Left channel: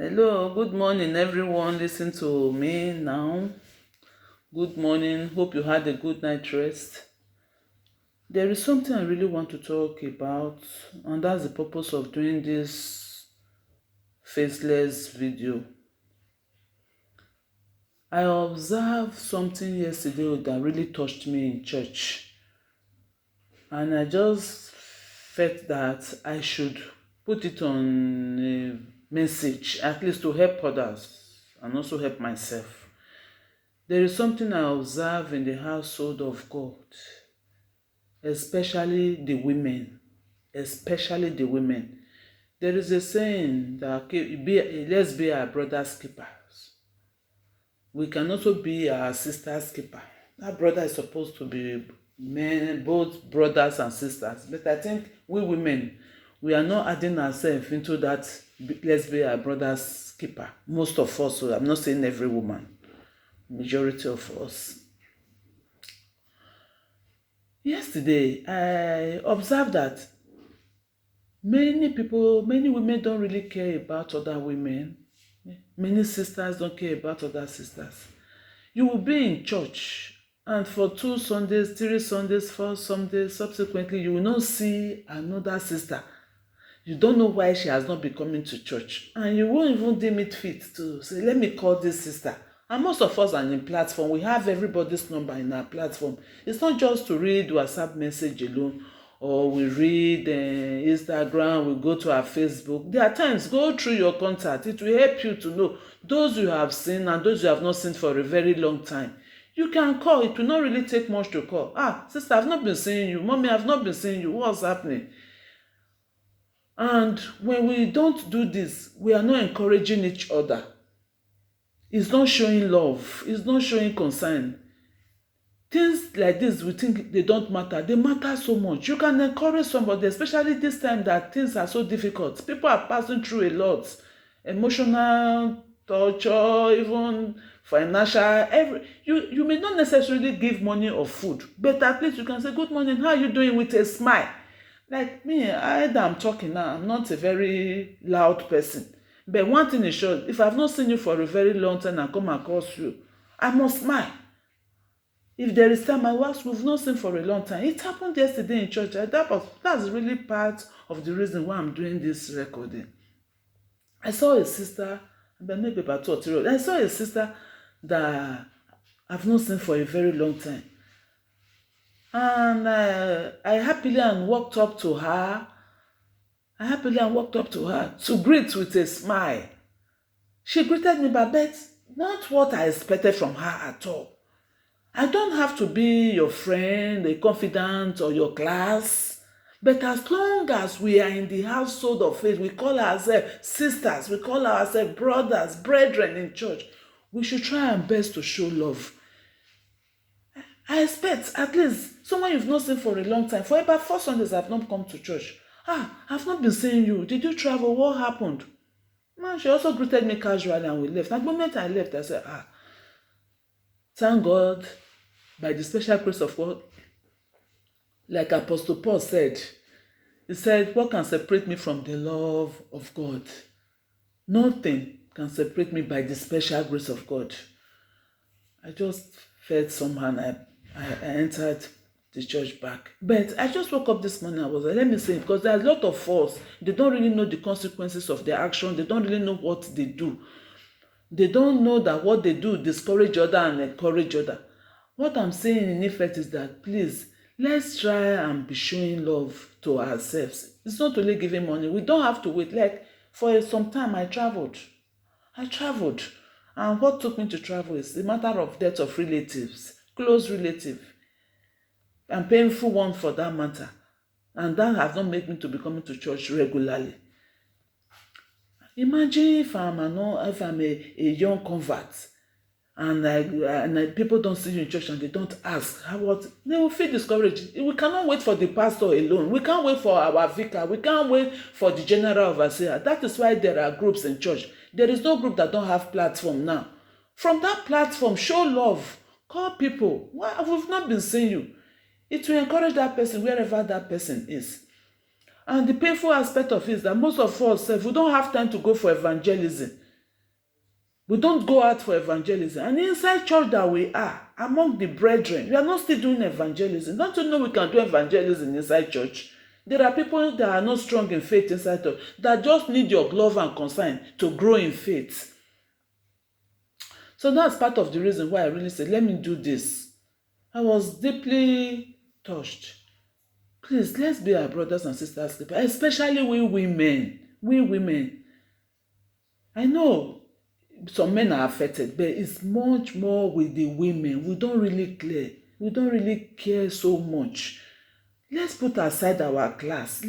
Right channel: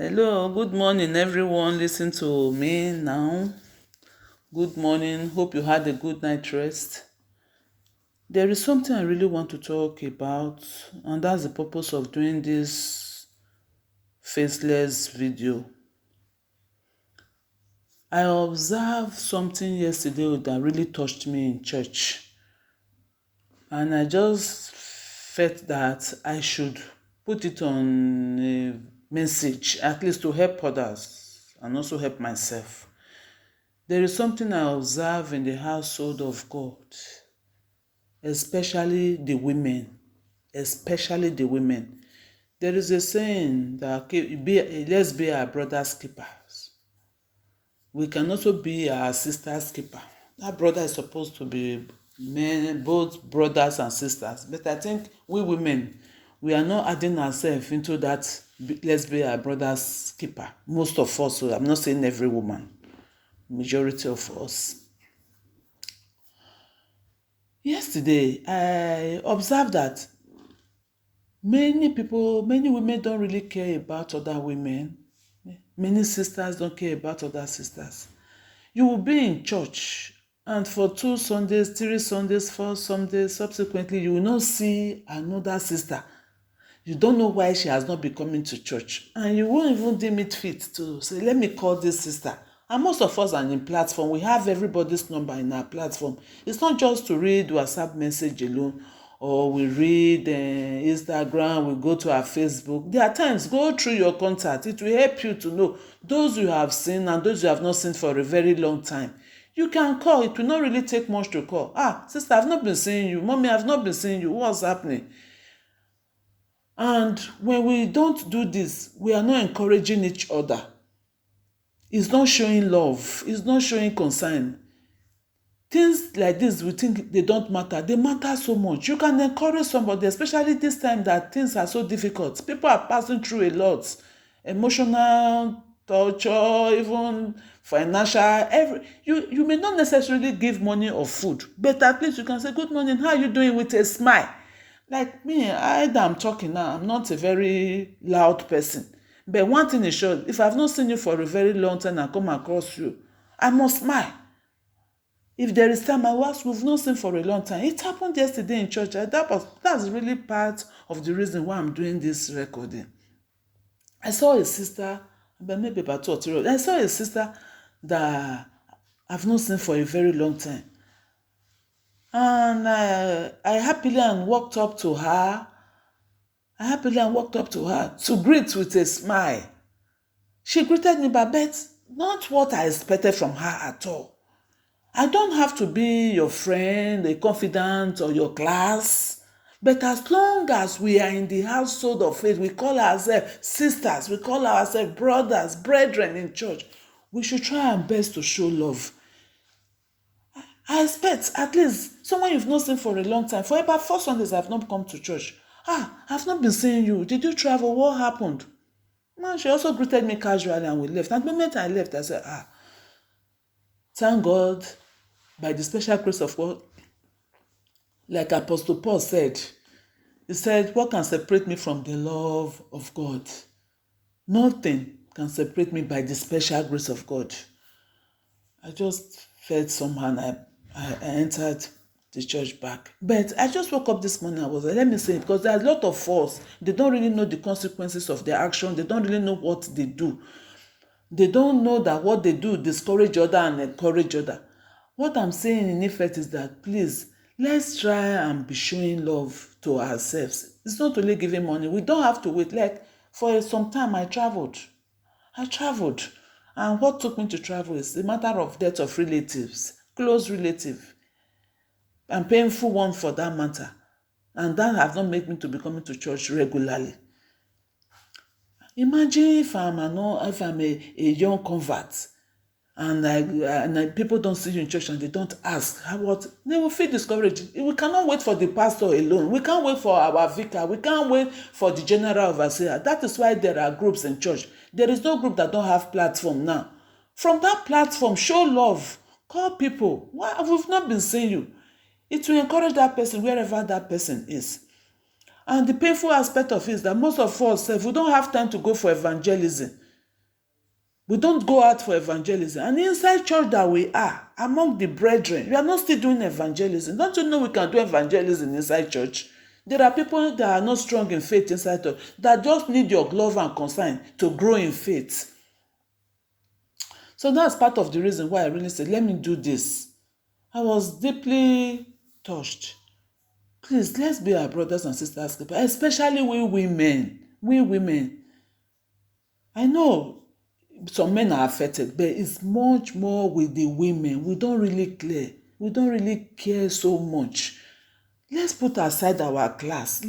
Hello, good morning, everyone. Listen to me now. Good morning. Hope you had a good night rest. There is something I really want to talk about, and that's the purpose of doing this faceless video. I observed something yesterday that really touched me in church, and I just felt that I should put it on a message, at least to help others and also help myself. There is something I observe in the household of God, especially the women. Especially the women. There is a saying that let's be our brother's keepers. We can also be our sister's keeper. That brother is supposed to be men, both brothers and sisters. But I think we women, we are not adding ourselves into that let's be our brother's keeper. Most of us, so I'm not saying every woman, majority of us. Yesterday, I observed that many women don't really care about other women. Many sisters don't care about other sisters. You will be in church, and for 2 Sundays, 3 Sundays, 4 Sundays, subsequently, you will not see another sister. You don't know why she has not been coming to church, and you won't even deem it fit to say, let me call this sister. And most of us are in platform. We have everybody's number in our platform. It's not just to read WhatsApp message alone, or we read Instagram, we go to our Facebook. There are times, go through your contact. It will help you to know those you have seen and those you have not seen for a very long time. You can call. It will not really take much to call. Sister, I've not been seeing you. Mommy, I've not been seeing you. What's happening? And when we don't do this, we are not encouraging each other. It's not showing love. It's not showing concern. Things like this, we think they don't matter. They matter so much. You can encourage somebody, especially this time that things are so difficult. People are passing through a lot. Emotional torture, even financial. You may not necessarily give money or food, but at least you can say, good morning, how are you doing, with a smile. Like me, I'm talking now, I'm not a very loud person. But one thing is sure, if I've not seen you for a very long time and come across you, I must smile. If there is time, I was, we've not seen for a long time. It happened yesterday in church. That's really part of the reason why I'm doing this recording. I saw a sister, but maybe about 2 or 3 years. I saw a sister that I've not seen for a very long time. And I happily walked up to her. To greet with a smile. She greeted me, but not what I expected from her at all. I don't have to be your friend, a confidant, or your class. But as long as we are in the household of faith, we call ourselves sisters, we call ourselves brothers, brethren in church, we should try our best to show love. I expect at least someone you've not seen for a long time. For about 4 Sundays, I've not come to church. I've not been seeing you. Did you travel? What happened? She also greeted me casually and we left. At the moment I left, I said, thank God, by the special grace of God, like Apostle Paul said, he said, what can separate me from the love of God? Nothing can separate me by the special grace of God. I just felt somehow I entered the church back. But I just woke up this morning, I was like, let me say it, because there are a lot of us, they don't really know the consequences of their action. They don't really know what they do. They don't know that what they do discourage other and encourage other. What I'm saying in effect is that, please, let's try and be showing love to ourselves. It's not only giving money. We don't have to wait. Like, for some time, I traveled. And what took me to travel is the matter of death of relatives, close relative, and painful one for that matter. And that has not made me to be coming to church regularly. Imagine if I'm a young convert and people don't see you in church and they don't ask they will feel discouraged. We cannot wait for the pastor alone. We can't wait for our vicar. We can't wait for the general overseer. That is why there are groups in church. There is no group that don't have platform now. From that platform, show love. Call people. Why we've not been seeing you? It will encourage that person wherever that person is. And the painful aspect of it is that most of us, if we don't have time to go for evangelism, We don't go out for evangelism. And inside church that we are, among the brethren, we are not still doing evangelism. Don't you know we can do evangelism inside church? There are people that are not strong in faith inside church that just need your love and concern to grow in faith. So that's part of the reason why I really said, let me do this. I was deeply touched. Please, let's be our brothers and sisters, especially we women. We women. I know some men are affected, but it's much more with the women. We don't really care. We don't really care so much. Let's put aside our class.